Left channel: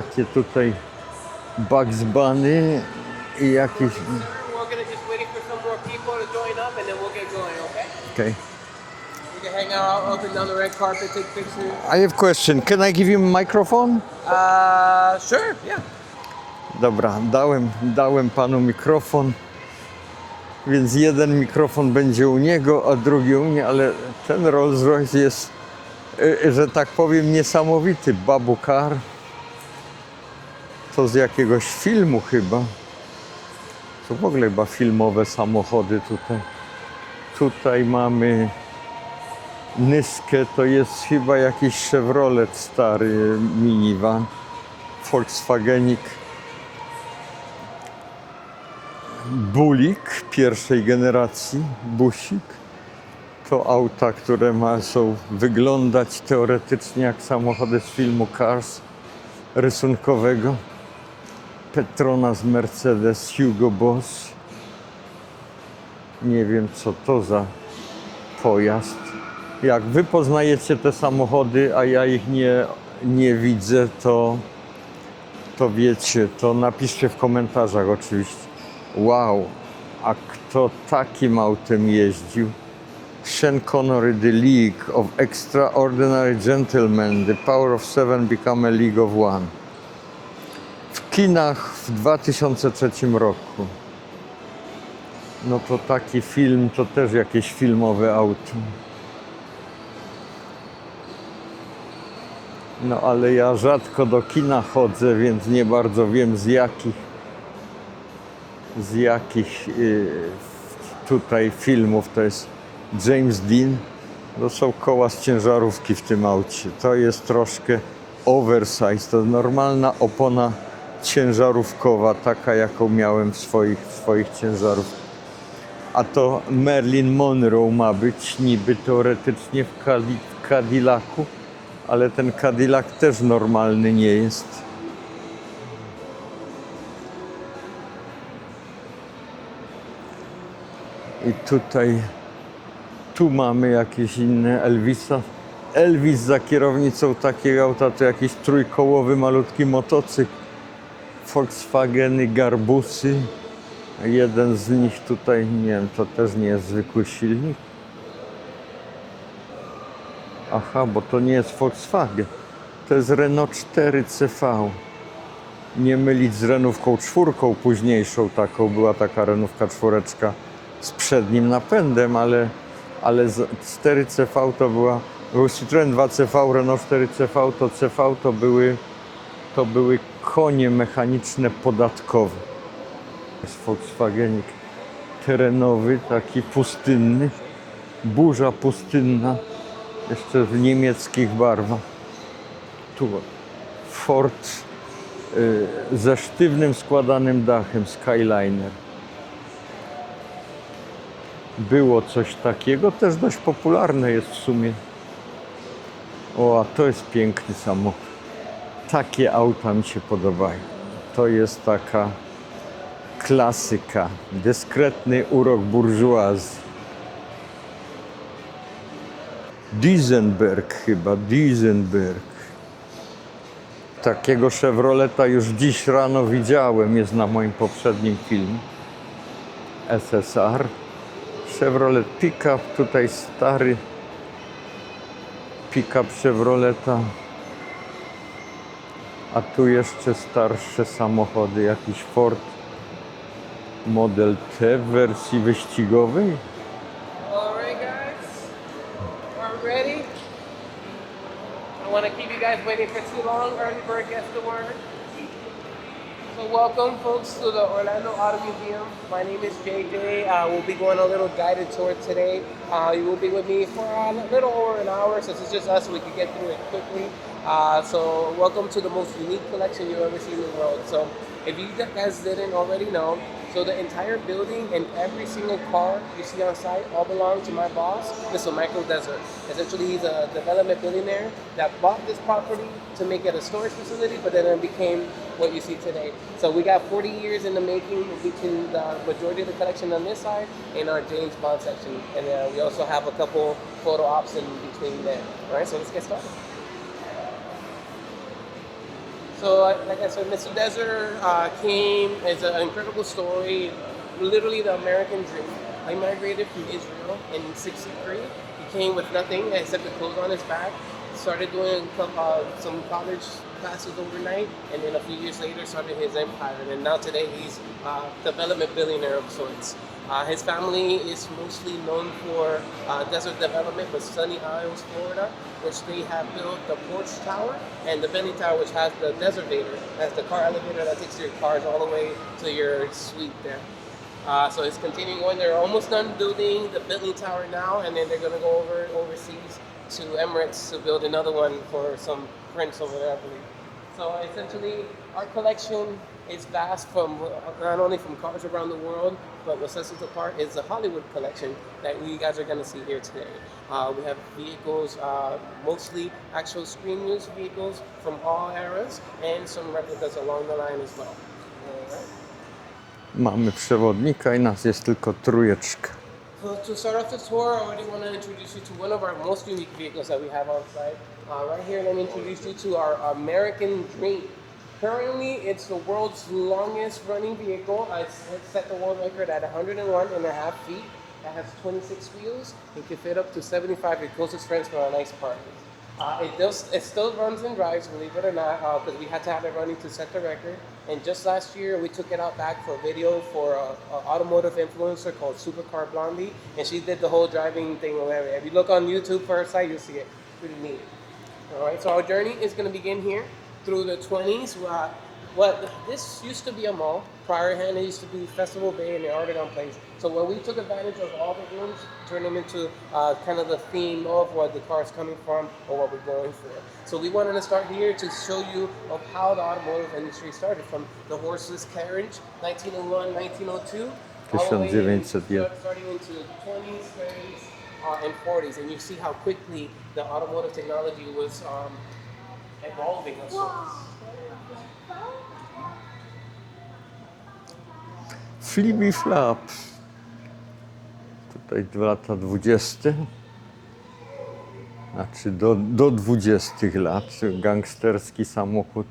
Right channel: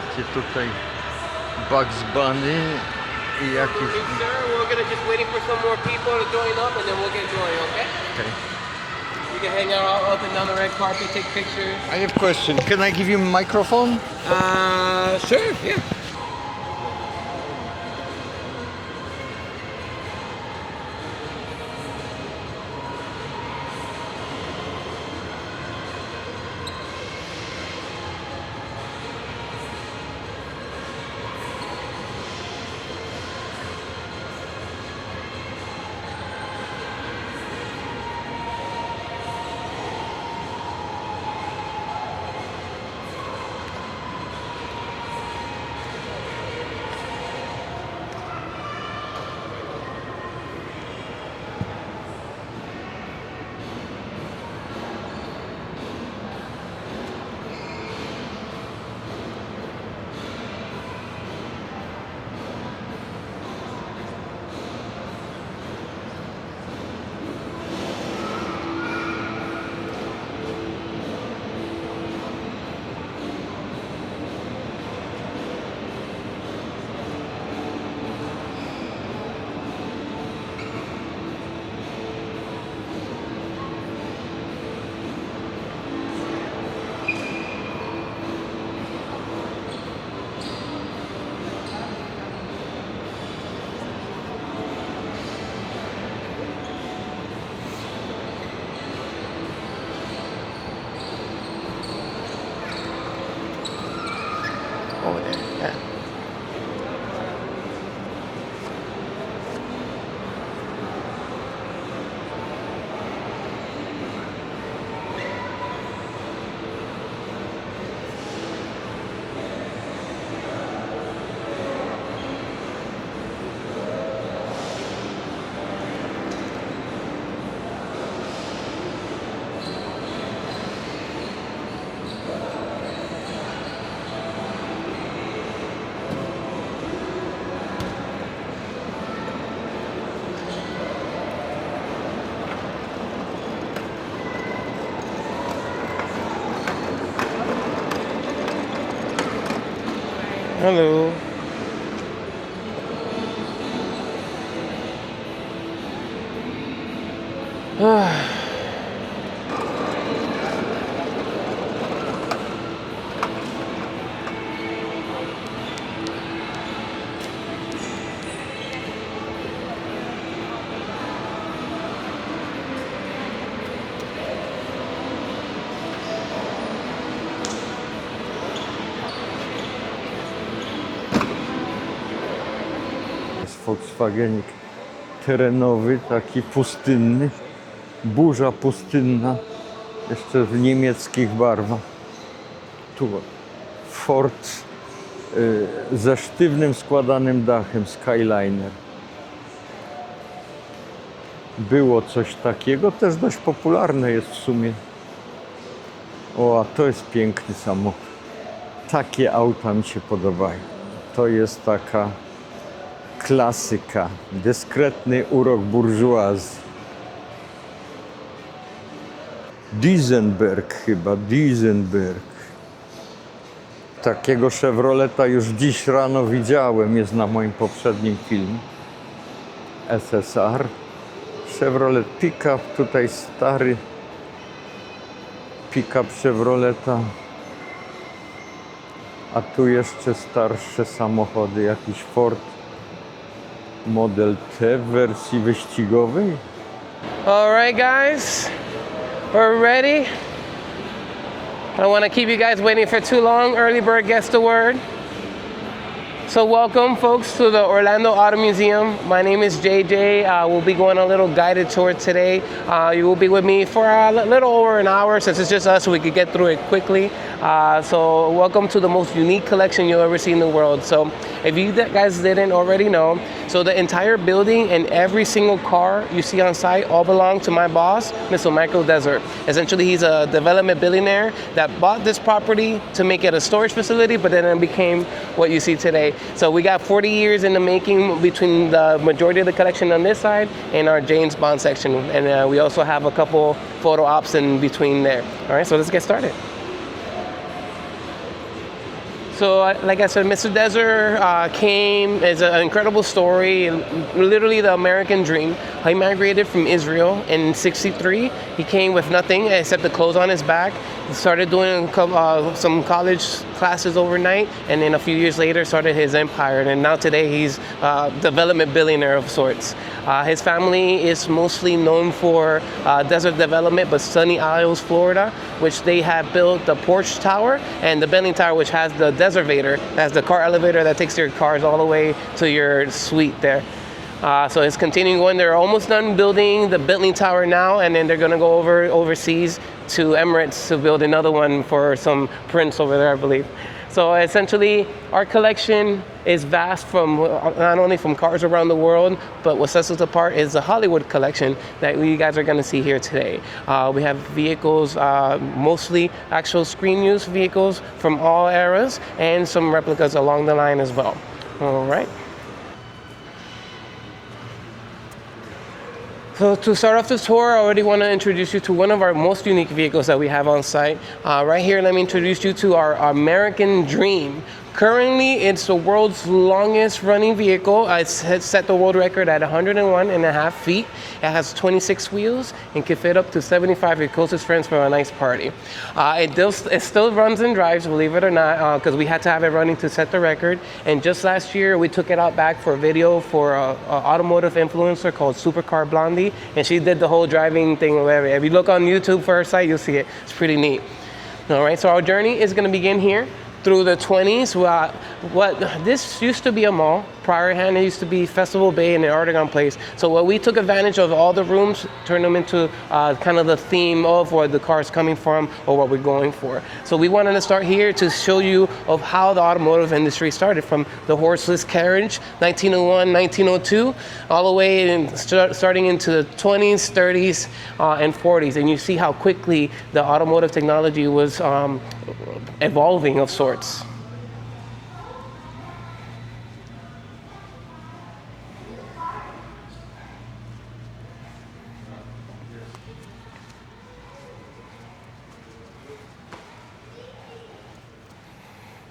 takie tutaj Bugs Bunny i jakieś... Okay. You can hang out up and down the red carpet, take pictures. I have a question. Can I give you a microphone? Sure, yeah. Dobra, dałem panu mikrofon, więc jeden mikrofon będzie u niego, a drugi u mnie, ale ten Rolls Royce jest, że tak powiem, niesamowity. Babu car. To z jakiegoś filmu chyba. To w ogóle chyba filmowe samochody tutaj. Tutaj mamy Nyskę, to jest chyba jakiś Chevrolet stary minivan. Volkswagenik. Bulik pierwszej generacji, busik. To auta, które są wyglądać teoretycznie jak samochody z filmu Cars rysunkowego. Petronas Mercedes Hugo Boss. Nie wiem co to za pojazd. Jak wy poznajecie te samochody, a ja ich nie widzę, to wiecie, to napiszcie w komentarzach oczywiście. Wow, a kto takim autem jeździł? Sean Connery, The League of Extraordinary Gentlemen, The Power of Seven Become a League of One. W kinach w 2003 roku. No to taki film, to też jakieś filmowe auto. No ale ja rzadko do kina chodzę, więc nie bardzo wiem z jakich tutaj filmów to jest James Dean. To są koła z ciężarówki w tym aucie. To jest troszkę oversize, to normalna opona ciężarówkowa, taka jaką miałem w swoich ciężarówkach. A to Marilyn Monroe ma być niby teoretycznie w Cadillacu, ale ten Cadillac też normalny nie jest. I tu mamy jakieś inne Elvisa. Elvis za kierownicą takiego auta to jakiś trójkołowy, malutki motocykl. Hello. Volkswageny, Garbusy. Jeden z nich tutaj, nie wiem, to też nie jest zwykły silnik. Aha, bo to nie jest Volkswagen. To jest Renault 4CV. Nie mylić z Renówką 4 późniejszą taką. Była taka Renówka 4 z przednim napędem, ale 4CV to był Citroen 2CV, Renault 4CV, to CV to były konie mechaniczne podatkowe. Jest Volkswagenik terenowy, taki pustynny, burza pustynna, jeszcze w niemieckich barwach. Tu Ford ze sztywnym, składanym dachem, Skyliner. Było coś takiego, też dość popularne jest w sumie. O, a to jest piękny samochód. Takie auta mi się podobają. To jest taka klasyka, dyskretny urok burżuazji. Duesenberg chyba, Duesenberg. Takiego Chevroleta już dziś rano widziałem, jest na moim poprzednim filmie. SSR. Chevrolet Pickup, tutaj stary Pickup Chevroleta. A tu jeszcze starsze samochody, jakiś Ford Model T w wersji wyścigowej. All right, guys, we're ready. I don't want to keep you guys waiting for too long. Early bird gets the word. So welcome, folks, to the Orlando Auto Museum. My name is JJ. We'll be going on a little guided tour today. You will be with me for a little over an hour, since it's just us, so we could get through it quickly. So welcome to the most unique collection you'll ever see in the world. So if you guys didn't already know, so the entire building and every single car you see on site all belong to my boss, Mr. Michael Desert. Essentially, he's a development billionaire that bought this property to make it a storage facility, but then it became what you see today. So we got 40 years in the making between the majority of the collection on this side and our James Bond section. And we also have a couple photo ops in between there. All right, so let's get started. So, like I said, Mr. Desert came as an incredible story, literally the American dream. He migrated from Israel in '63. He came with nothing except the clothes on his back. He started doing some college classes overnight, and then a few years later started his empire. And now today he's a development billionaire of sorts. His family is mostly known for desert development, but Sunny Isles, Florida, which they have built the Porch Tower and the Bentley Tower, which has the Deservator, that's the car elevator that takes your cars all the way to your suite there. So it's continuing on. They're almost done building the Bentley Tower now, and then they're going to go overseas to Emirates to build another one for some prince over there, I believe. So essentially, our collection is vast from not only from cars around the world, but what sets us apart is the Hollywood collection that you guys are going to see here today. We have vehicles, mostly actual screen use vehicles from all eras, and some replicas along the line as well. All right. Mamy przewodnika i nas jest tylko trójeczka. So to start off this tour, I already want to introduce you to one of our most unique vehicles that we have on site. Right here, let me introduce you to our American Dream. Currently, it's the world's longest running vehicle. It's set the world record at 101.5 feet. It has 26 wheels and can fit up to 75 of your closest friends for a nice party. It still runs and drives, believe it or not, because we had to have it running to set the record. And just last year, we took it out back for a video for an automotive influencer called Supercar Blondie, and she did the whole driving thing. If you look on YouTube for her site, you'll see it. It's pretty neat. All right, so our journey is going to begin here through the 20s. This used to be a mall. Prior hand, it used to be Festival Bay and the Artagon Place. So what we took advantage of all the rooms, turned them into kind of the theme of where the car is coming from or what we're going for. So we wanted to start here to show you of how the automotive industry started, from the horseless carriage, 1901, 1902, all the way starting into the 20s, 30s, and 40s. And you see how quickly the automotive technology was evolving of sorts. Flippy Flaps. Tutaj lata 20. Znaczy do 20 lat. Gangsterski samochód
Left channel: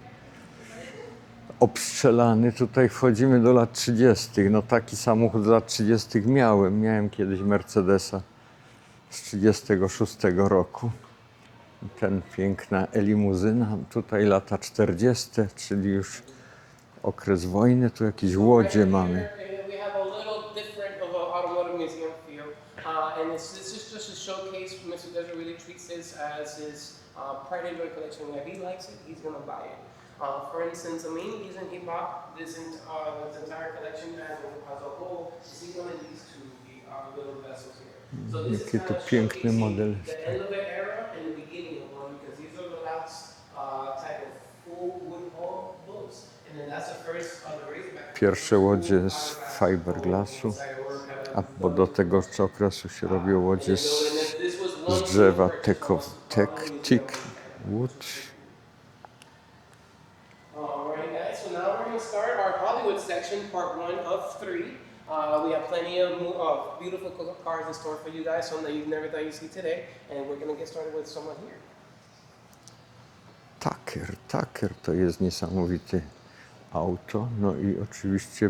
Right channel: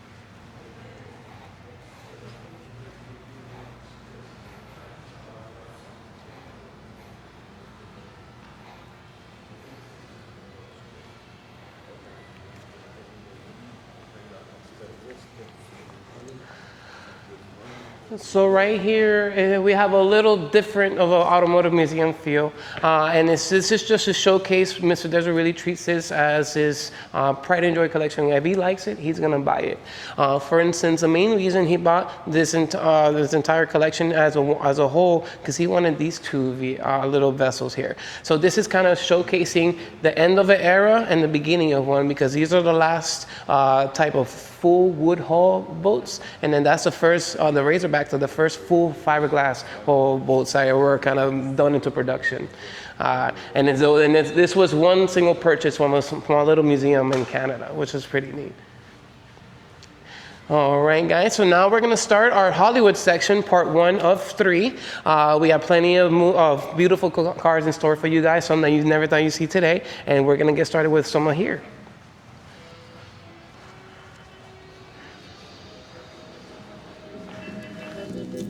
obstrzelany. Tutaj wchodzimy do lat 30. No taki samochód z lat 30 miałem. Miałem kiedyś Mercedesa z 36 roku. Ten piękna limuzyna. Tutaj lata 40, czyli już okres wojny, tu jakieś So łodzie right here, we have a little different of an automotive museum feel. And this is just a showcase. Mr. Desert really treats this as his pride and joy collection. If he likes it, he's going to buy it. For instance, the main reason he bought this entire collection as a whole, because he wanted these two little vessels here. So this is kind of showcasing the end of an era and the beginning of one, because these are the last type of full wood hull boats, and then that's the first, the Razorbacks are the first full fiberglass hull boats that were kind of done into production. And this was one single purchase from a small little museum in Canada, which is pretty neat. All right, guys, so now we're going to start our Hollywood section, part 1 of 3. We have plenty of beautiful cars in store for you guys, some that you never thought you'd see today, and we're going to get started with some here. Tucker to jest niesamowite auto. No i oczywiście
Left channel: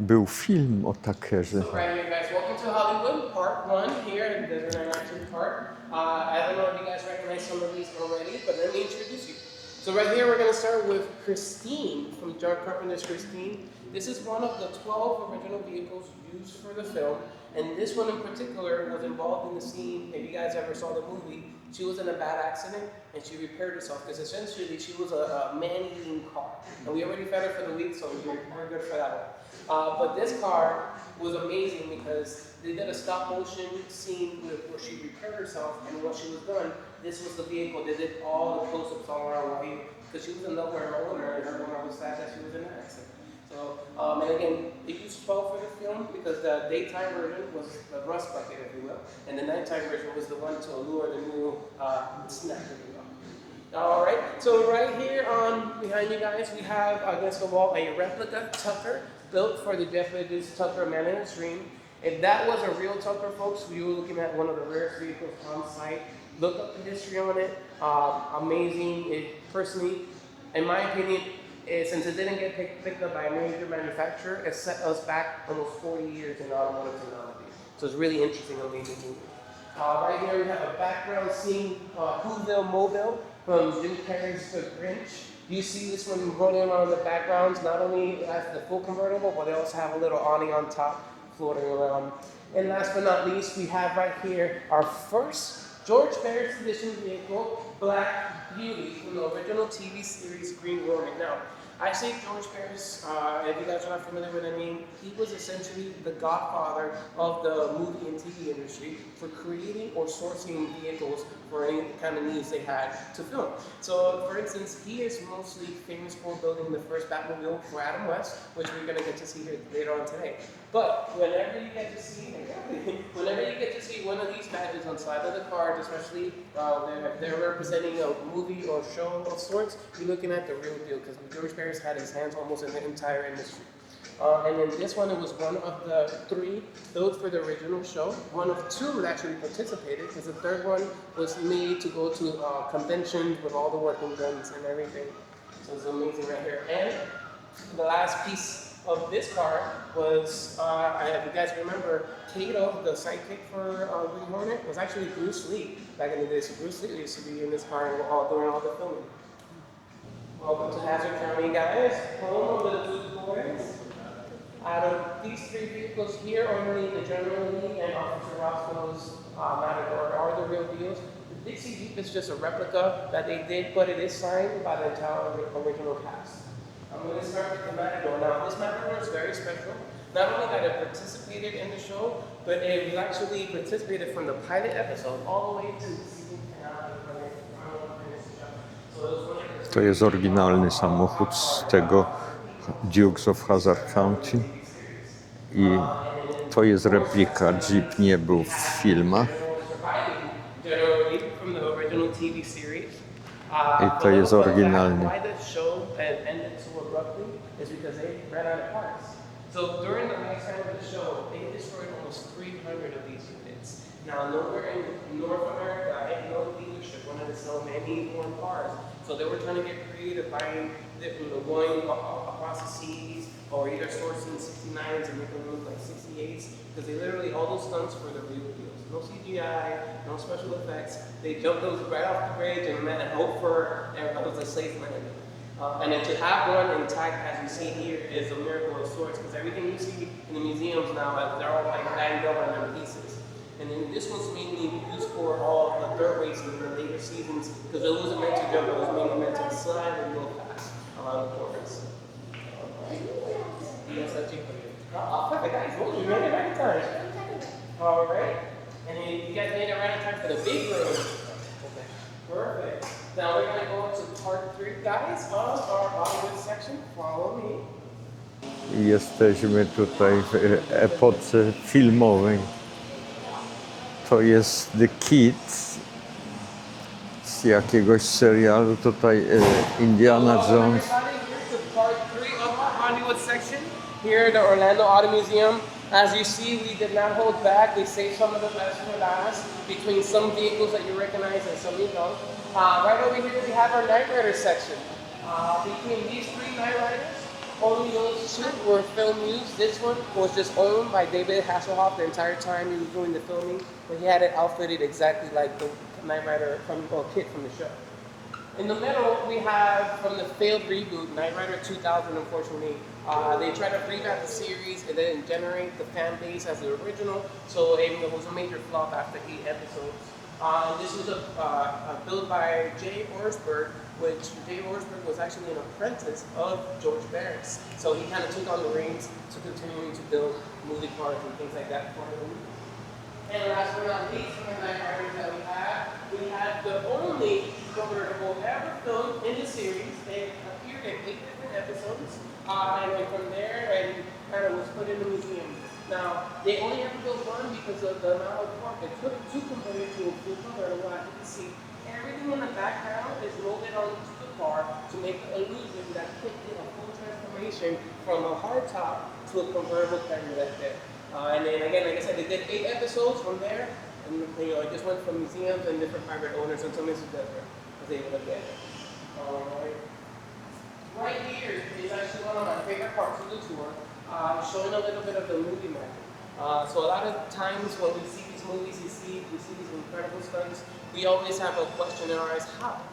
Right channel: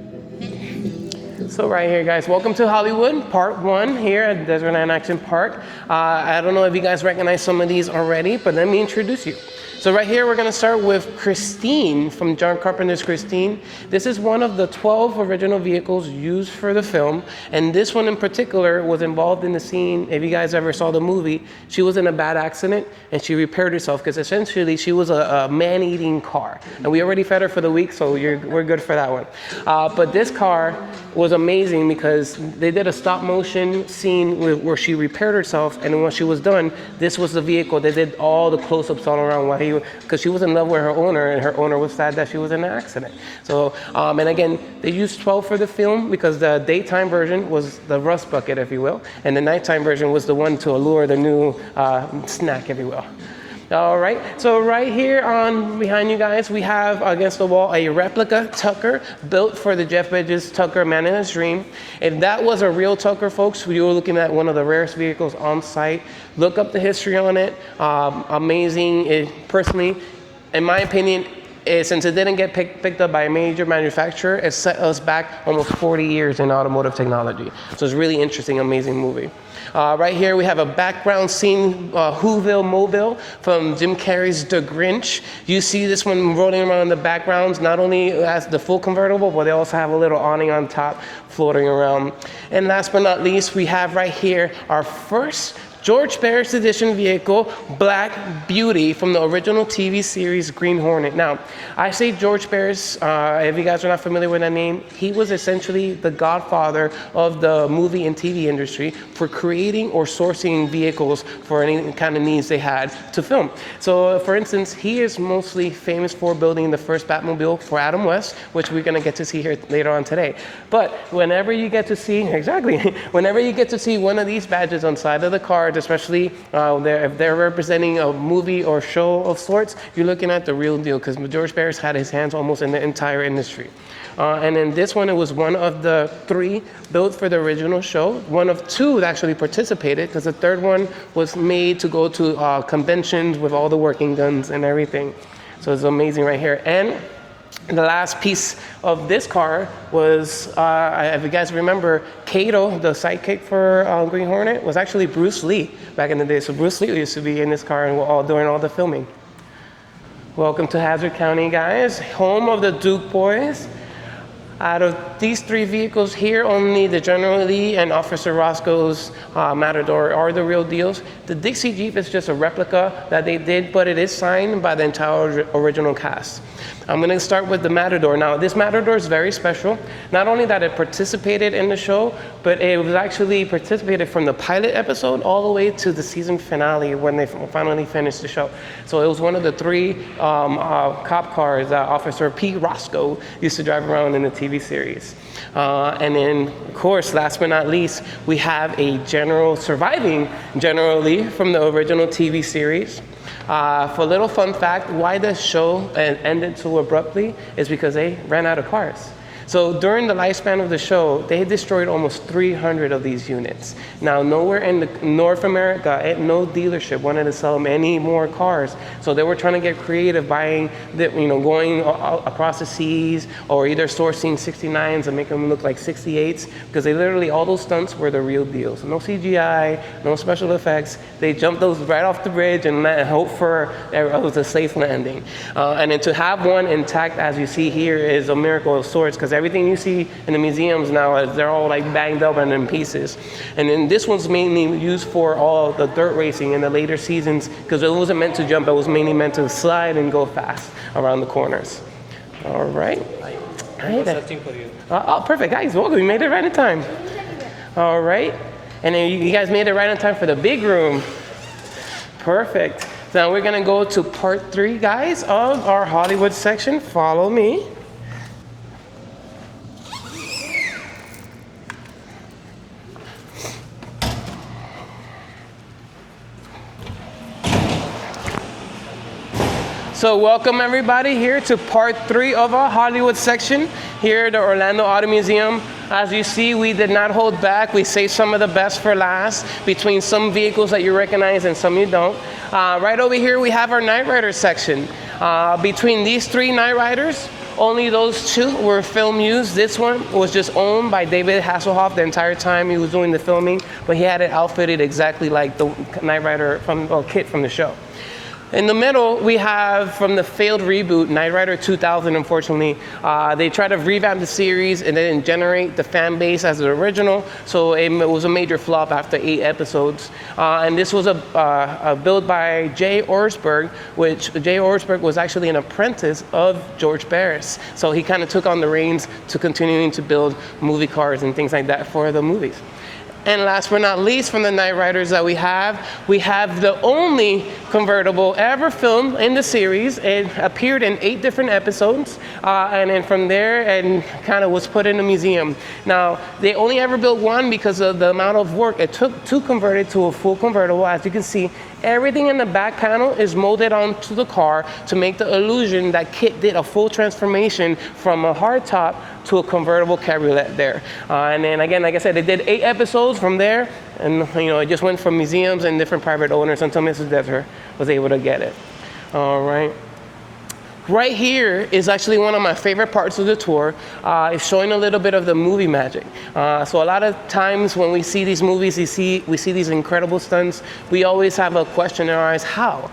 był film o Tuckerze. So right here, guys, welcome to Hollywood, part 1 here at Desertland Action Park. I don't know if you guys recognize some of these already, but let me introduce you. So right here, we're going to start with Christine from John Carpenter's Christine. This is one of the 12 original vehicles used for the film, and this one in particular was involved in the scene. If you guys ever saw the movie, she was in a bad accident, and she repaired herself, because essentially she was a man-eating car. And we already fed her for the week, so we're good for that one. But this car was amazing because they did a stop-motion scene where she repaired herself, and when she was done, this was the vehicle. They did all the close-ups all around while because she was in love with her owner, and her owner was sad that she was in an accident. So, and again, they used 12 for the film because the daytime version was the rust bucket, if you will, and the nighttime version was the one to allure the new snack, if you will. All right, so right here on behind you guys, we have against the wall a replica Tucker built for the Jeff Bridges Tucker Man in His Dream. If that was a real Tucker, folks, we were looking at one of the rarest vehicles on site. Look up the history on it. Amazing. Personally, in my opinion, since it didn't get picked up by a major manufacturer, it set us back almost 40 years in automotive technology. So it's really interesting, amazing movie. Right here we have a background scene, Whoville Mobile from Jim Carrey's The Grinch. You see this one rolling around in the backgrounds, not only as the full convertible, but they also have a little awning on top floating around. And last but not least, we have right here our first George Barris edition vehicle, Black Beauty, from the original TV series Green Hornet. Now, I say George Barris, if you guys are not familiar with that name, he was essentially the godfather of the movie and TV industry for creating or sourcing vehicles for any kind of needs they had to film. So, for instance, he is mostly famous for building the first Batmobile for Adam West, which we're gonna get to see here later on today. But whenever you get to see, whenever you get to see one of these badges on the side of the car, especially if they're representing a movie or show of sorts, you're looking at the real deal, because George Barris had his hands almost in the entire industry. And then this one, it was one of the 3 built for the original show. One of 2 that actually participated, because the third one was made to go to conventions with all the working guns and everything. So it's amazing right here. And the last piece of this car was, if you guys remember, Kato, the sidekick for Green Hornet, was actually Bruce Lee back in the day. So Bruce Lee used to be in this car and during all the filming. Welcome to Hazzard County, guys, home of the Duke boys. Out of these 3 vehicles here, only the General Lee and Officer Roscoe's Matador are the real deals. The Dixie Jeep is just a replica that they did, but it is signed by the entire original cast. I'm going to start with the Matador. Now, this Matador is very special. Not only that it participated in the show, but it was actually participated from the pilot episode all the way to the season finale when they finally finished the show. So it was one of the 3 cop cars that Officer P. Roscoe used to drive around in the TV series. And then, of course, last but not least, we have a surviving General Lee from the original TV series. For a little fun fact, why the show ended so abruptly is because they ran out of cars. So during the lifespan of the show, they destroyed almost 300 of these units. Now, nowhere in North America, no dealership wanted to sell them any more cars. So they were trying to get creative, buying, going across the seas, or either sourcing 69s and make them look like 68s, because they literally, all those stunts were the real deal. So no CGI, no special effects. They jumped those right off the bridge and hope for it was a safe landing. And then to have one intact, as you see here, is a miracle of sorts, because everything you see in the museums now, they're all like banged up and in pieces. And then this one's mainly used for all the dirt racing in the later seasons, because it wasn't meant to jump, it was mainly meant to slide and go fast around the corners. All right. Hi there. For you. Oh, perfect, guys, welcome, you made it right in time. All right, and then you guys made it right in time for the big room. Perfect. Now we're gonna go to part 3, guys, of our Hollywood section. Follow me. Jesteśmy tutaj w epoce filmowej. To jest The Kids z jakiegoś serialu tutaj Indiana So welcome Jones. everybody here to part 3 of our Hollywood section here at the Orlando Auto Museum. As you see, we did not hold back. We saved some of the best for last, between some vehicles that you recognize and some you don't. Right over here we have our Knight Rider section. Between these 3 Knight Riders, only those 2 were film used. This one was just owned by David Hasselhoff the entire time he was doing the filming, but he had it outfitted exactly like the Knight Rider kit from the show. In the middle, we have from the failed reboot, Knight Rider 2000, unfortunately. They tried to revamp the series and they didn't generate the fan base as the original, so it was a major flop after 8 episodes. And this was a build by Jay Orsberg, which Jay Orsberg was actually an apprentice of George Barris. So he kind of took on the reins to continuing to build movie cars and things like that for the movies. And last but not least, from the Knight Riders that we have the only convertible ever filmed in the series. It appeared in 8 different episodes, and then from there, and kind of was put in a museum. Now, they only ever built one because of the amount of work it took to convert it to a full convertible. As you can see, everything in the back panel is molded onto the car to make the illusion that Kit did a full transformation from a hardtop to a convertible cabriolet there. And then again, like I said, they did 8 episodes from there, and it just went from museums and different private owners until Mrs. Desert was able to get it. All right. Right here is actually one of my favorite parts of the tour. It's showing a little bit of the movie magic. So a lot of times when we see these movies, we see these incredible stunts. We always have a question in our eyes, how?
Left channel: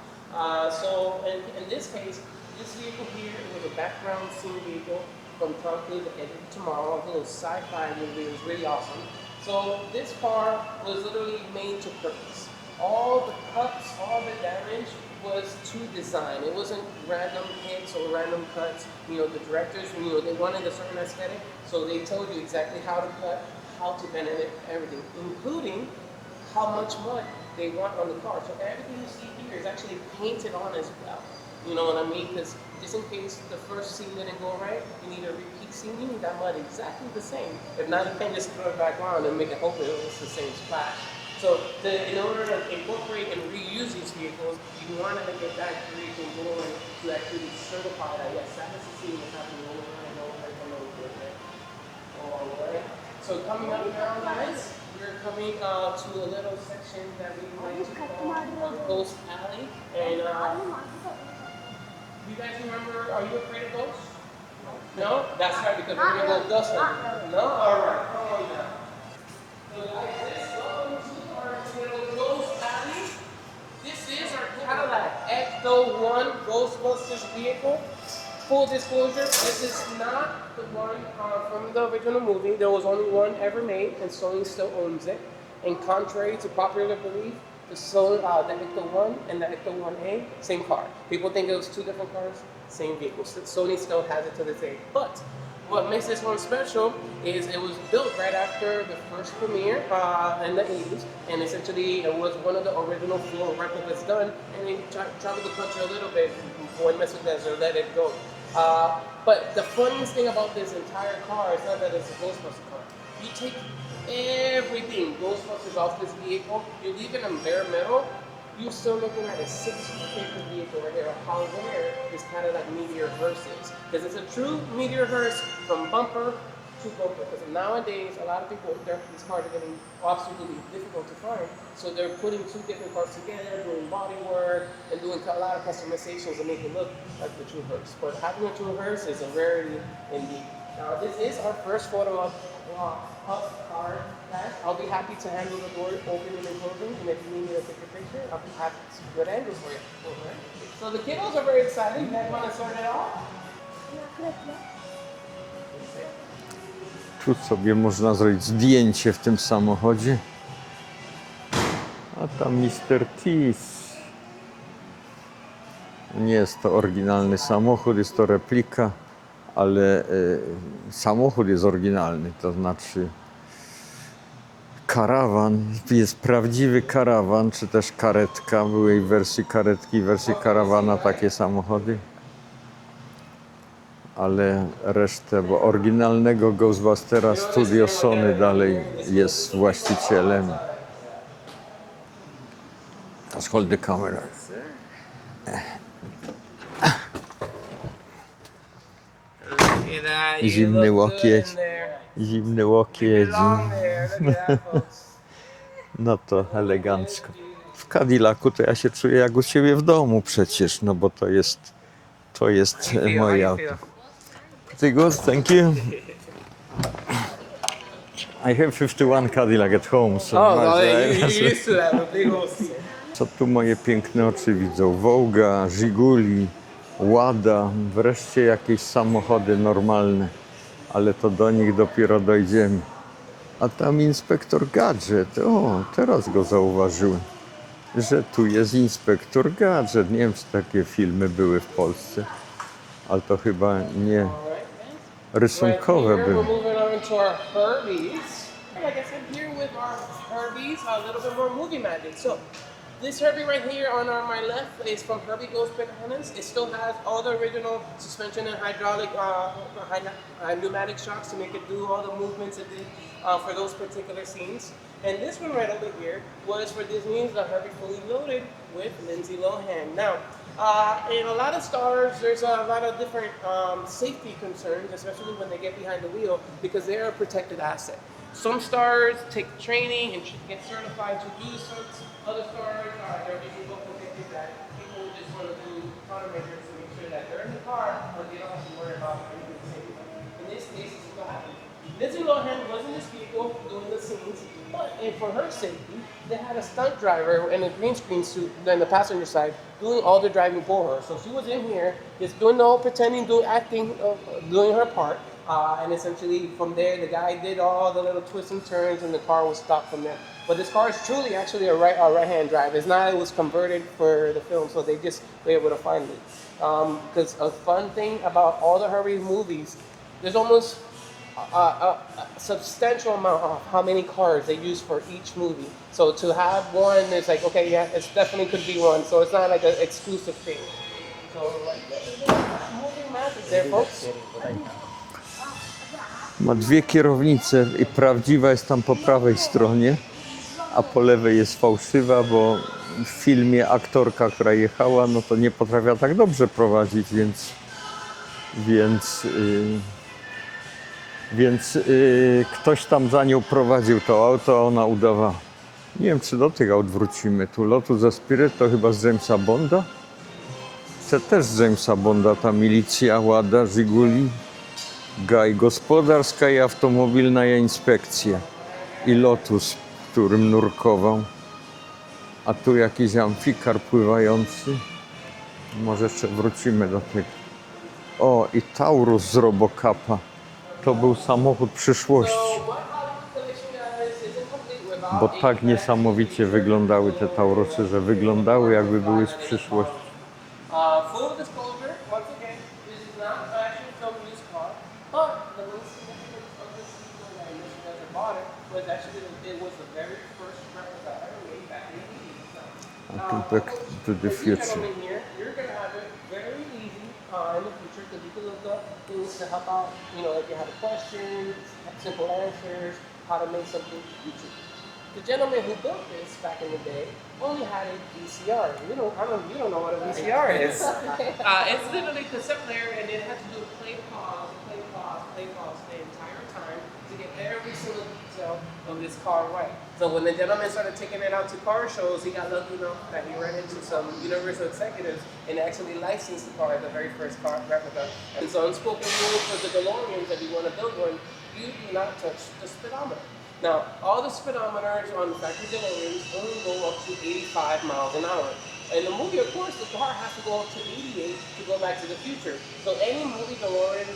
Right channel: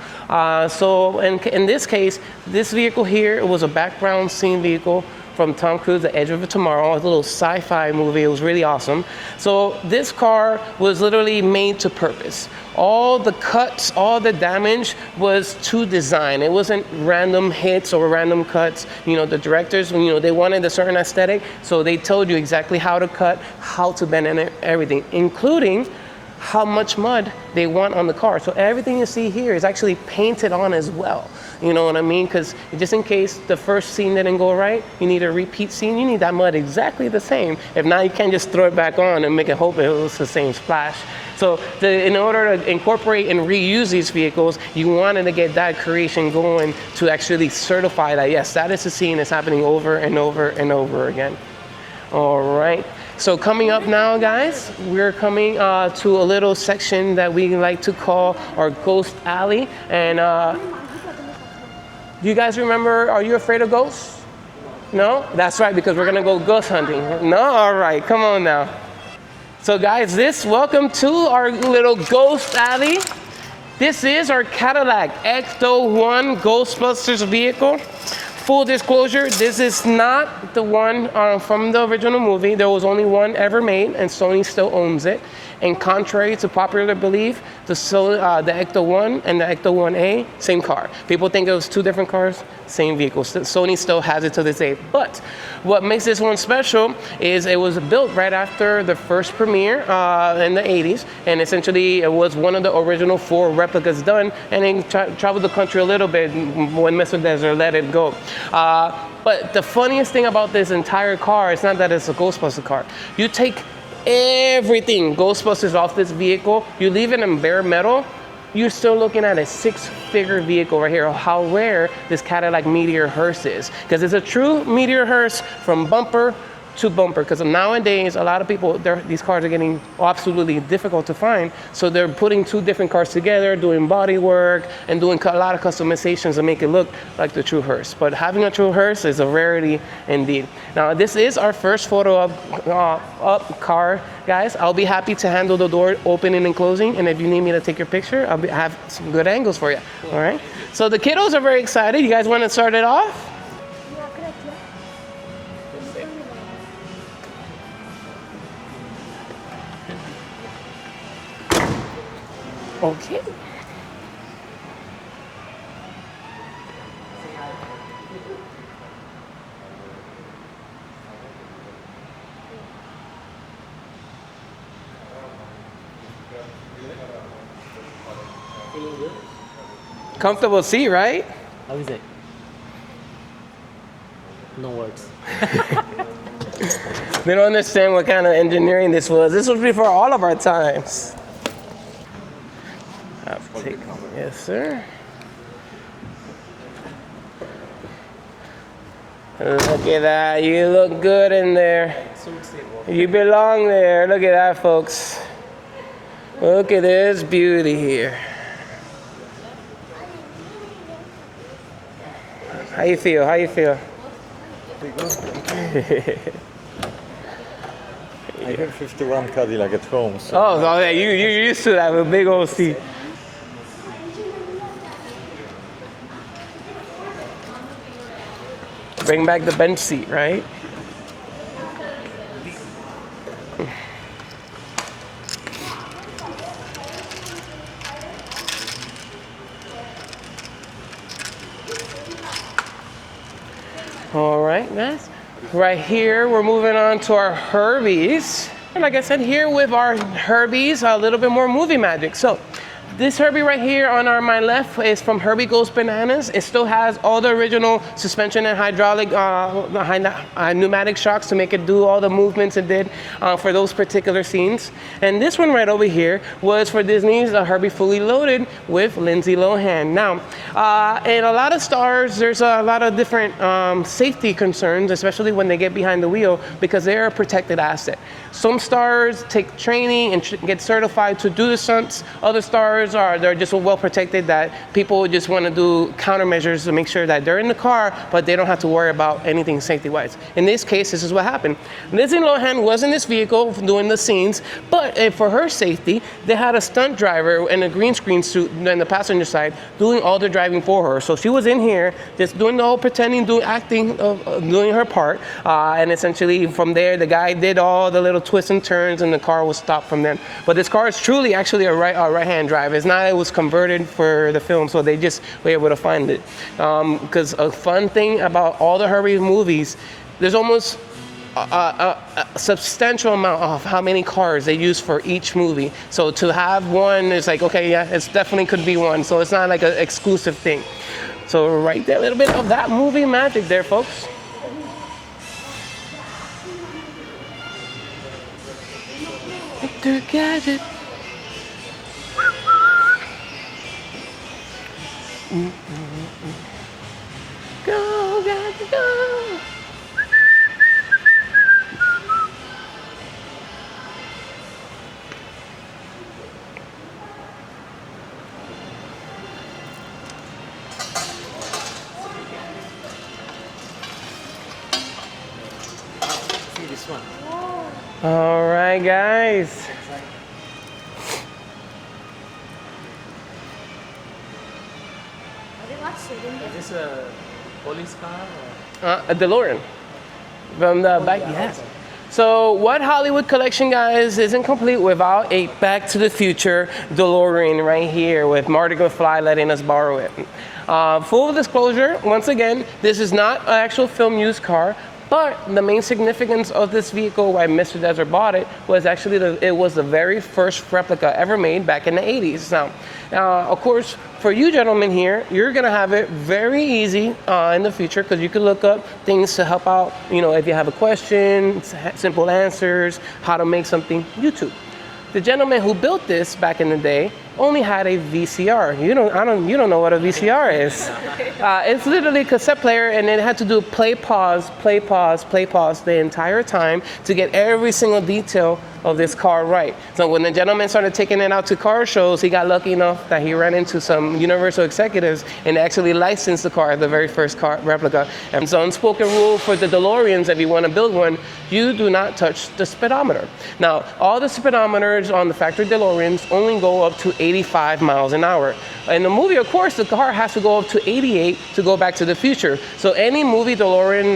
So in this case, this vehicle here was a background scene vehicle from Tom Cruise, The Edge of Tomorrow, a little sci-fi movie. It was really awesome. So this car was literally made to purpose. All the cuts, all the damage was to design. It wasn't random hits or random cuts. The directors, they wanted a certain aesthetic, so they told you exactly how to cut, how to bend, and everything, including how much mud they want on the car. So everything you see here is actually painted on as well. You know what I mean? Because just in case the first scene didn't go right, you need a repeat scene, you need that mud exactly the same. If not, you can't just throw it back on and make it hope it was the same splash. So in order to incorporate and reuse these vehicles, you wanted to get that creation going to actually certify that, yes, that is a scene that's happening over and over and over again. All right. So coming up now, guys, we're coming to a little section that we like to call our Ghost Alley. And do you guys remember, are you afraid of ghosts? No? That's right, because we're gonna go ghost hunting. No? All right, come on now. So guys, welcome to our little Ghost Alley. This is our Cadillac Ecto-1 Ghostbusters vehicle. Full disclosure, this is not the one from the original movie. There was only one ever made, and Sony still owns it. And contrary to popular belief, the Ecto-1 and the Ecto-1A, same car. People think it was 2 different cars, same vehicle. Sony still has it to this day. But what makes this one special is it was built right after the first premiere in the 80s. And essentially, it was one of the original 4 replicas done. And it traveled the country a little bit when Mr. Desert let it go. But the funniest thing about this entire car is not that it's a Ghostbuster car. You take everything Ghostbusters off this vehicle, you leave it in bare metal, you're still looking at a 6-figure vehicle right here. How rare this Cadillac Meteor hearse is, because it's a true Meteor hearse from bumper to bumper, because nowadays a lot of people, these cars are getting absolutely difficult to find, so they're putting 2 different cars together, doing body work and doing a lot of customizations to make it look like the true hearse. But having a true hearse is a rarity indeed. Now this is our first photo up car, guys. I'll be happy to handle the door opening and closing, and if you need me to take your picture, I'll have some good angles for you. All right, so the kiddos are very excited. You guys want to start it off? Tu sobie można zrobić zdjęcie w tym samochodzie. A tam Mr. Thief. Nie jest to oryginalny samochód, jest to replika, ale samochód jest oryginalny, to znaczy karawan, jest prawdziwy karawan, czy też karetka, były i wersji karetki, wersji karawanu, takie samochody. Ale resztę, bo oryginalnego Ghostbustera We don't understand what kind of engineering this was. This was before all of our właścicielem. times. Let's hold the camera. Yes, sir. Look at that. You look good in there. Zimny łokieć. You belong there. Look at that, folks. No to Look at elegancko. this beauty W here. Cadillacu to ja się czuję jak u ciebie w domu przecież, no bo to jest How you feel? How you feel? Good, thank you. I have 51 Cadillac at home, so... You're used to that with big old seat. Co tu moje piękne oczy widzą? Wołga, Żiguli, Łada, wreszcie jakieś Bring back the samochody bench seat, normalne. right? Ale to do nich dopiero dojdziemy. A tam inspektor Gadżet, o, teraz go zauważyłem, że tu jest inspektor Gadżet. Nie wiem, czy takie filmy były w Polsce, ale to chyba nie. All right, guys. Rysunkowe Right here, były. we're moving on to our Herbies. Like I said, here with our Herbies, a little bit more movie magic. So this Herbie right here on my left is from Herbie Goes Bananas. It still has all the original suspension and hydraulic pneumatic shocks to make it do all the movements it did for those particular scenes. And this one right over here was for Disney's Herbie Fully Loaded with Lindsay Lohan. Now, in a lot of stars, there's a lot of different safety concerns, especially when they get behind the wheel, because they're a protected asset. Some stars take training and get certified to do the stunts. Other stars they're just so well protected that people just want to do countermeasures to make sure that they're in the car, but they don't have to worry about anything safety-wise. In this case, this is what happened. Lindsay Lohan was in this vehicle doing the scenes, but for her safety, they had a stunt driver in a green screen suit on the passenger side doing all the driving for her. So she was in here just doing the whole pretending, acting, doing her part, and essentially from there, the guy did all the little twists and turns, and the car was stopped from them. But this car is truly actually a right-hand drive. It's not, it was converted for the film, so they just were able to find it. Because a fun thing about all the Herbie movies, there's almost a substantial amount of how many cars they use for each movie. So to have one, it's like, okay, yeah, it's definitely could be one. So it's not like an exclusive thing. So right there, a little bit of that movie magic there, folks. Ma dwie kierownice i prawdziwa jest tam po prawej stronie, a po lewej jest fałszywa, bo w filmie aktorka, która jechała, no to nie potrafiła tak dobrze prowadzić, więc ktoś tam za nią prowadził to auto, a ona udawała. Nie wiem, czy do tych aut wrócimy. Tu Lotus Spirit to chyba z Jamesa Bonda. To też z Jamesa Bonda, ta milicja, Łada, Żiguli. Gaj gospodarska i automobilna inspekcja. I Lotus, w którym nurkował. A tu jakiś amfikar pływający. Może jeszcze wrócimy do tego. O, i Taurus z Robocapa. To był samochód przyszłości. So what Hollywood collection, guys, isn't complete without a Back to the Future Delorean right here with Marty McFly letting us borrow it. Full disclosure, once again, this is not an actual film used car. But the main significance of this vehicle, why Mr. Desert bought it, was actually it was the very first replica ever made back in the 80s. Now, of course, for you gentlemen here, you're going to have it very easy in the future because you can look up things to help out, you know, if you have a question, simple answers, how to make something, YouTube. The gentleman who built this back in the day only had a VCR. You don't know what a VCR is. It's literally a cassette player, and it had to do play, pause, play, pause, play, pause the entire time to get every single detail of this car right. So when the gentleman started taking it out to car shows, he got lucky enough that he ran into some Universal executives and actually licensed the car, the very first car replica. And it's an unspoken rule for the DeLoreans, if you want to build one, you do not touch the speedometer. Now, all the speedometers on the factory DeLoreans only go up to 85 miles an hour. In the movie, of course, the car has to go up to 88 to go back to the future. So any movie DeLorean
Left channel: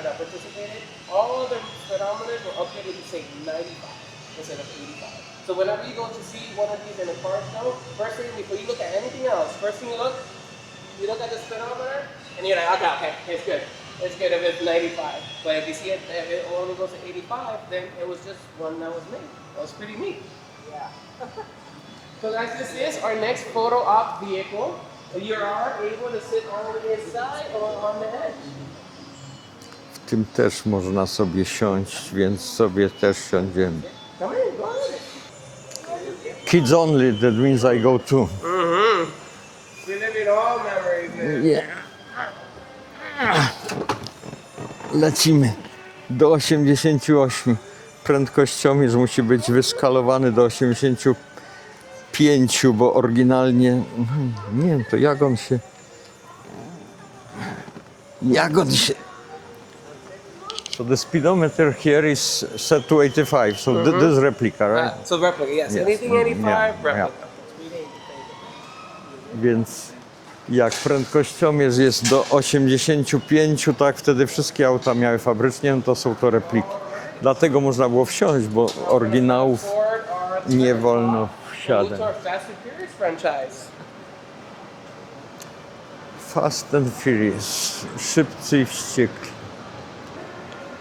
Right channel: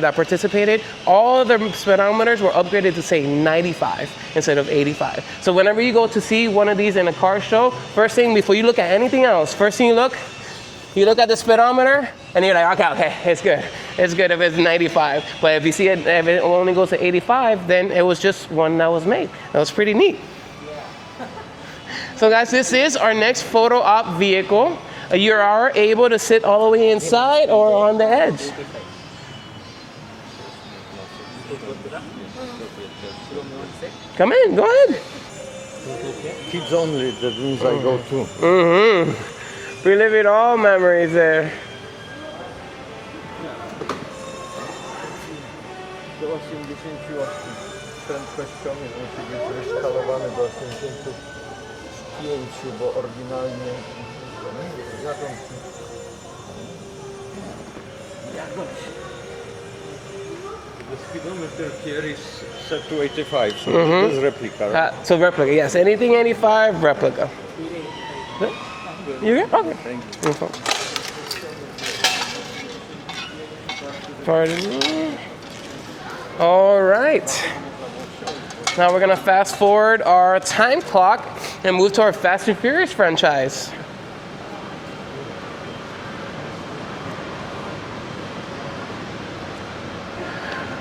that participated, all the speedometers were upgraded to say 95 instead of 85. So whenever you go to see one of these in a car show, first thing before you look at anything else, first thing you look at the speedometer, and you're like, okay, it's good. It's good if it's 95. But if you see it, if it only goes to 85, then it was just one that was made. That was pretty neat. So guys, this is our next photo op vehicle. You are able to sit all the way inside or on the edge. W tym też można sobie siąść, więc sobie też siądziemy. Come in, go ahead. Kids only, that means I go too. Reliving all memories there. Yeah. Lecimy do 88. Prędkościomierz musi być wyskalowany do 85, bo oryginalnie, nie wiem, to jak on się... So the speedometer here is set to 85, so this is replica, right? So replica, yes. Anything 85, replica. Więc jak prędkościomierz jest do 85, tak wtedy wszystkie auta miały fabrycznie, no to są to repliki. Dlatego można było wsiąść, bo Now we're going to fast forward our time clock and move to our wsiadać. Fast and Furious franchise. Fast and Furious, szybcy i wściekli.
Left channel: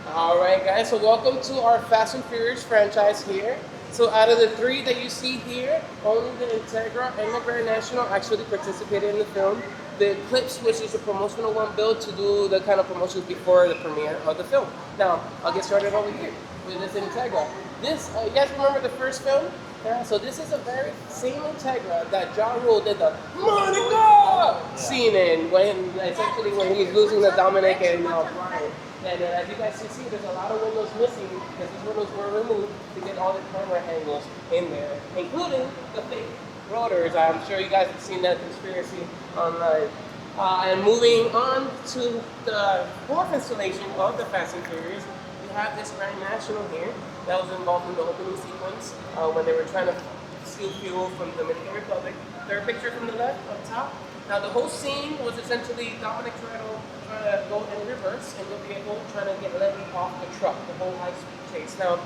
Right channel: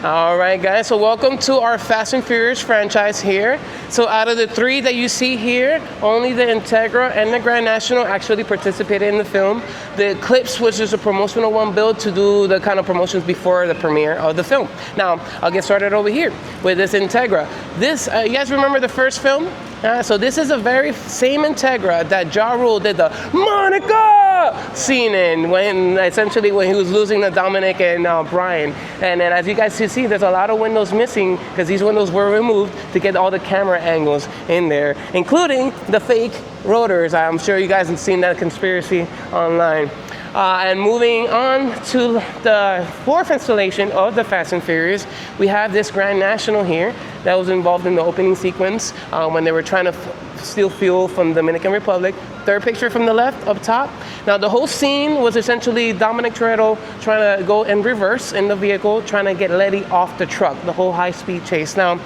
All right, guys, so welcome to our Fast and Furious franchise here. So out of the 3 that you see here, only the Integra and the Grand National actually participated in the film. The Eclipse was just a promotional one built to do the kind of promotions before the premiere of the film. Now, I'll get started over here with this Integra. This, you guys remember the first film? So this is a very same Integra that Ja Rule did the Monica scene in when he was losing to Dominic and Brian. And then as you guys can see, there's a lot of windows missing because these windows were removed to get all the camera angles in there, including the fake rotors. I'm sure you guys have seen that conspiracy online. And moving on to the 4th installation of the Fast and Furious, we have this Grand National here that was involved in the opening sequence when they were trying to steal fuel from the Dominican Republic. 3rd picture from the left up top. Now the whole scene was essentially Dominic Toretto trying to go in reverse in the vehicle, trying to get Letty off the truck, the whole high-speed chase. Now,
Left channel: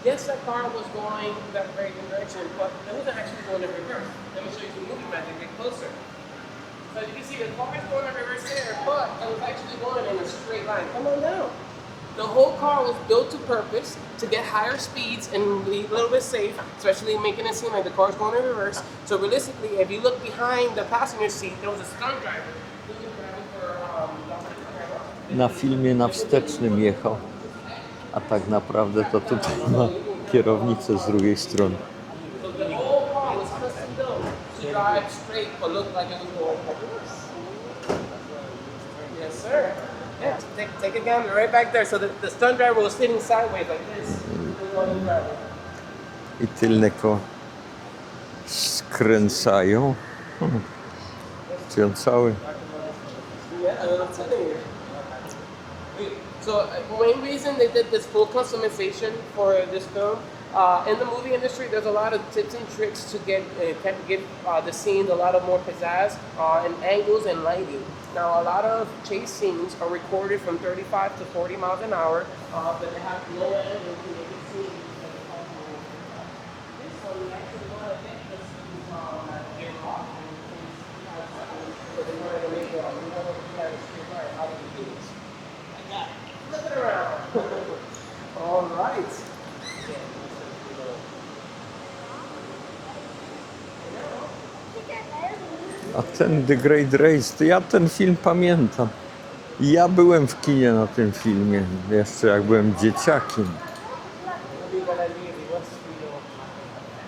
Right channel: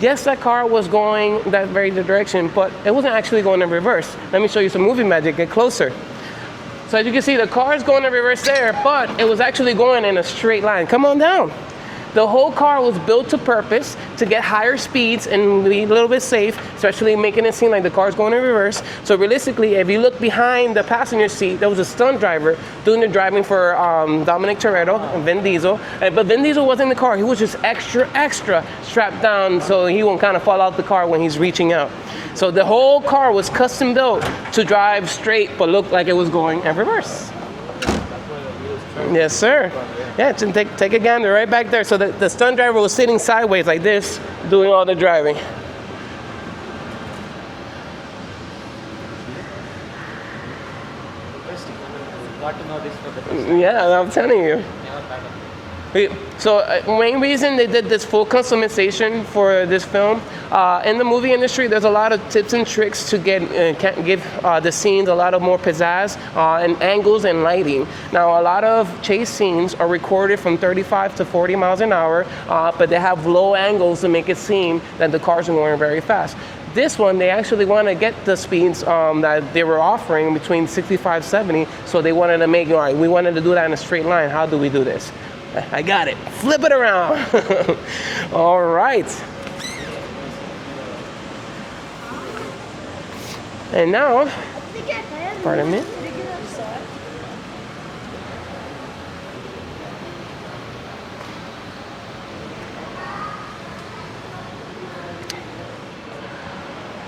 yes, that car was going that very direction, but it wasn't actually going in reverse. Let me show you some movie magic, get closer. So as you can see, the car is going in reverse there, but it was actually going in a straight line. Come on down. The whole car was built to purpose to get higher speeds and be a little bit safe, especially making it seem like the car is going in reverse. So realistically, if you look behind the passenger seat, there was a stunt driver doing the driving for Dominic Toretto and Vin Diesel. But Vin Diesel wasn't in the car. He was just extra strapped down so he won't kind of fall out the car when he's reaching out. So the whole car was custom built to drive straight but look like it was going in reverse. Yes, sir. Yeah, take a gander right back there. So the stunt driver was sitting sideways like this, doing all the driving. I tylnego skręcają. Cały. Yeah, I'm telling you. So main reason they did this full customization for this film, in the movie industry, there's a lot of tips and tricks to give the scenes a lot of more pizzazz and angles and lighting. Now, a lot of chase scenes are recorded from 35 to 40 miles an hour, but they have low angles to make it seem that the cars are going very fast. This one, they actually want to get the speeds that they were offering between 65, 70, so they wanted to make, all right, we wanted to do that in a straight line. How do we do this? I got it. Flip it around. All right. And now, pardon me. A ten The Great Race, to ja ten film pamiętam. Ja byłem w kinie na tym filmie, jeszcze jak byłem dzieciakiem.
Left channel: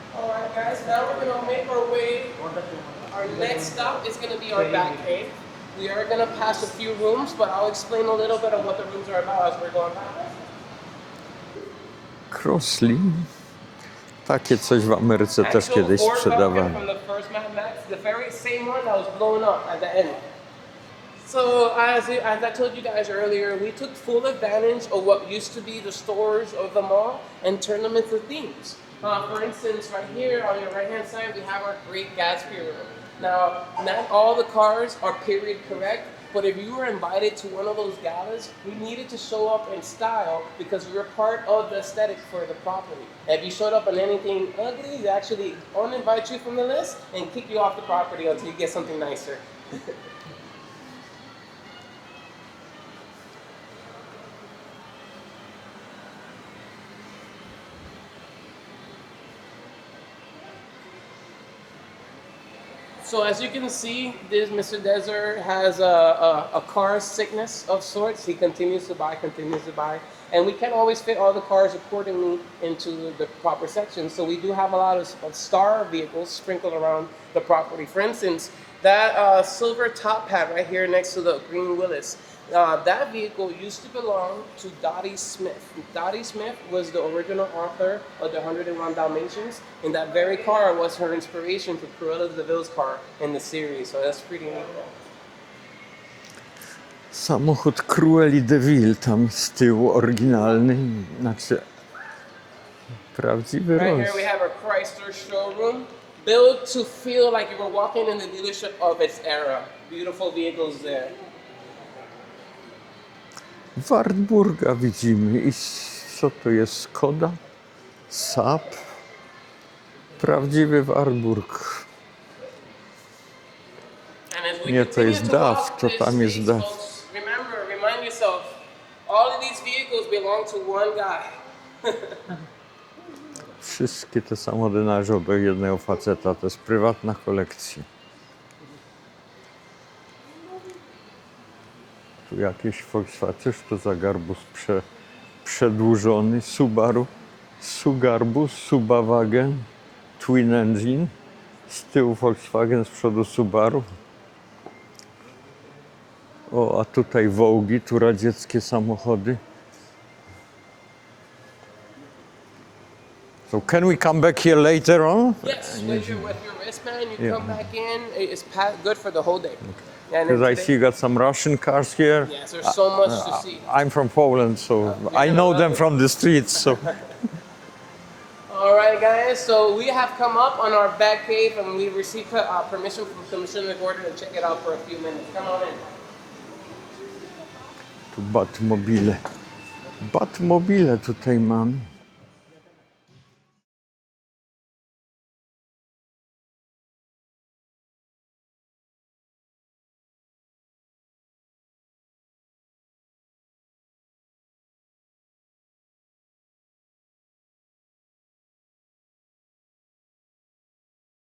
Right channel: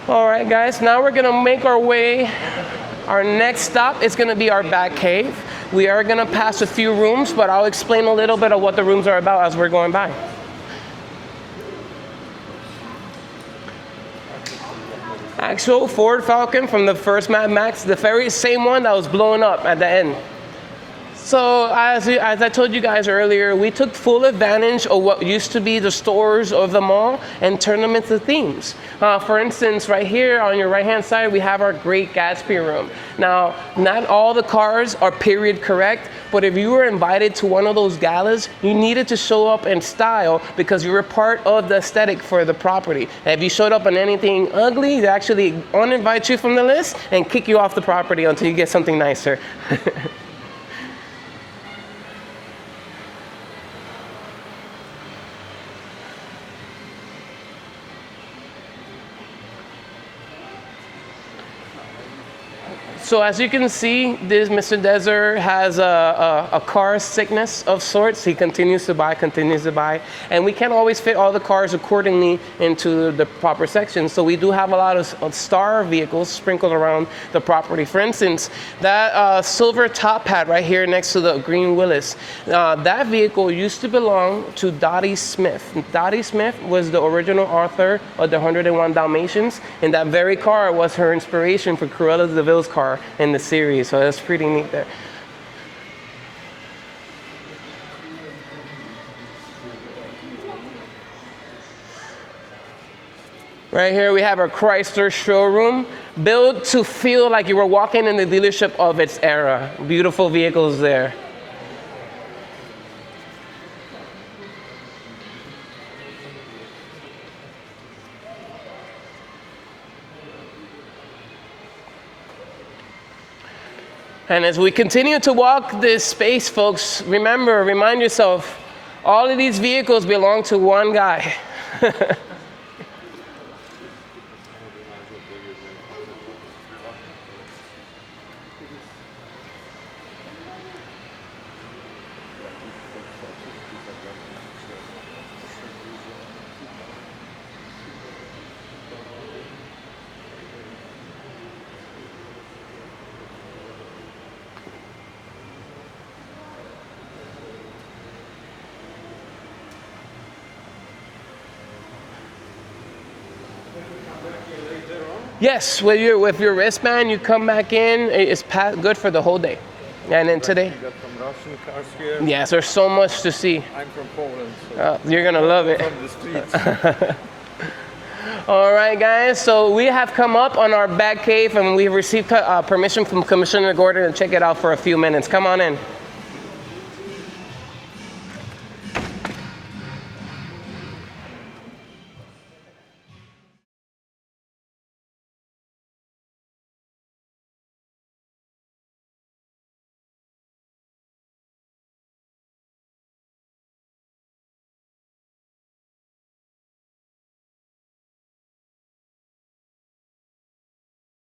All right, guys, now we're gonna make our way. Our next stop is gonna be our Batcave. We are gonna pass a few rooms, but I'll explain a little bit of what the rooms are about as we're going by. Crossly. Takie coś w Ameryce też Actual kiedyś Ford Falcon sprzedawano. from the first Mad Max, the very same one that was blowing up at the end. So as I told you guys earlier, we took full advantage of what used to be the stores of the mall and turned them into themes. For instance, right here on your right-hand side, we have our Great Gatsby room. Now, not all the cars are period correct, but if you were invited to one of those galas, you needed to show up in style because you were part of the aesthetic for the property. And if you showed up in anything ugly, they actually uninvite you from the list and kick you off the property until you get something nicer. So as you can see, this Mr. Desert has a car sickness of sorts. He continues to buy. And we can't always fit all the cars accordingly into the proper sections. So we do have a lot of star vehicles sprinkled around the property. For instance, that silver top hat right here next to the green Willys, that vehicle used to belong to Dottie Smith. Dottie Smith was the original author of the 101 Dalmatians, and that very car was her inspiration for Cruella de Vil's car in the series, so that's pretty neat there. Samochód Crueli de Vil tam z tyłu, oryginalny, znaczy prawdziwy. Right here we have our Chrysler showroom, built to feel like you were walking in the dealership of its era. Beautiful vehicles there. Wartburga widzimy. I co to jest? Skoda? Saab? Prawdziwy Wartburg. And as we continue to walk this space, folks, remind yourself, All of these vehicles belong to one guy. Wszystkie te samochody należą do jednego faceta. To jest prywatna kolekcja. Tu jakieś Volkswagen. Cóż to za garbus przedłużony? Subaru. Sugarbus, Subawagen, Twin Engine. Z tyłu Volkswagen, z przodu Subaru. O, a tutaj Wołgi, tu radzieckie samochody. So can we come back here later on? Yes, with your wristband, you come back in. It's good for the whole day. And then Because I see today, you got some Russian cars here. yes, there's so much to see. I'm from Poland, so you're I gonna know love them it. from the streets. So. All right, guys. So we have come up on our Batcave, and we've received permission from Commissioner Gordon to check it out for a few minutes. Come on in. Batmobile. Batmobile tutaj mamy.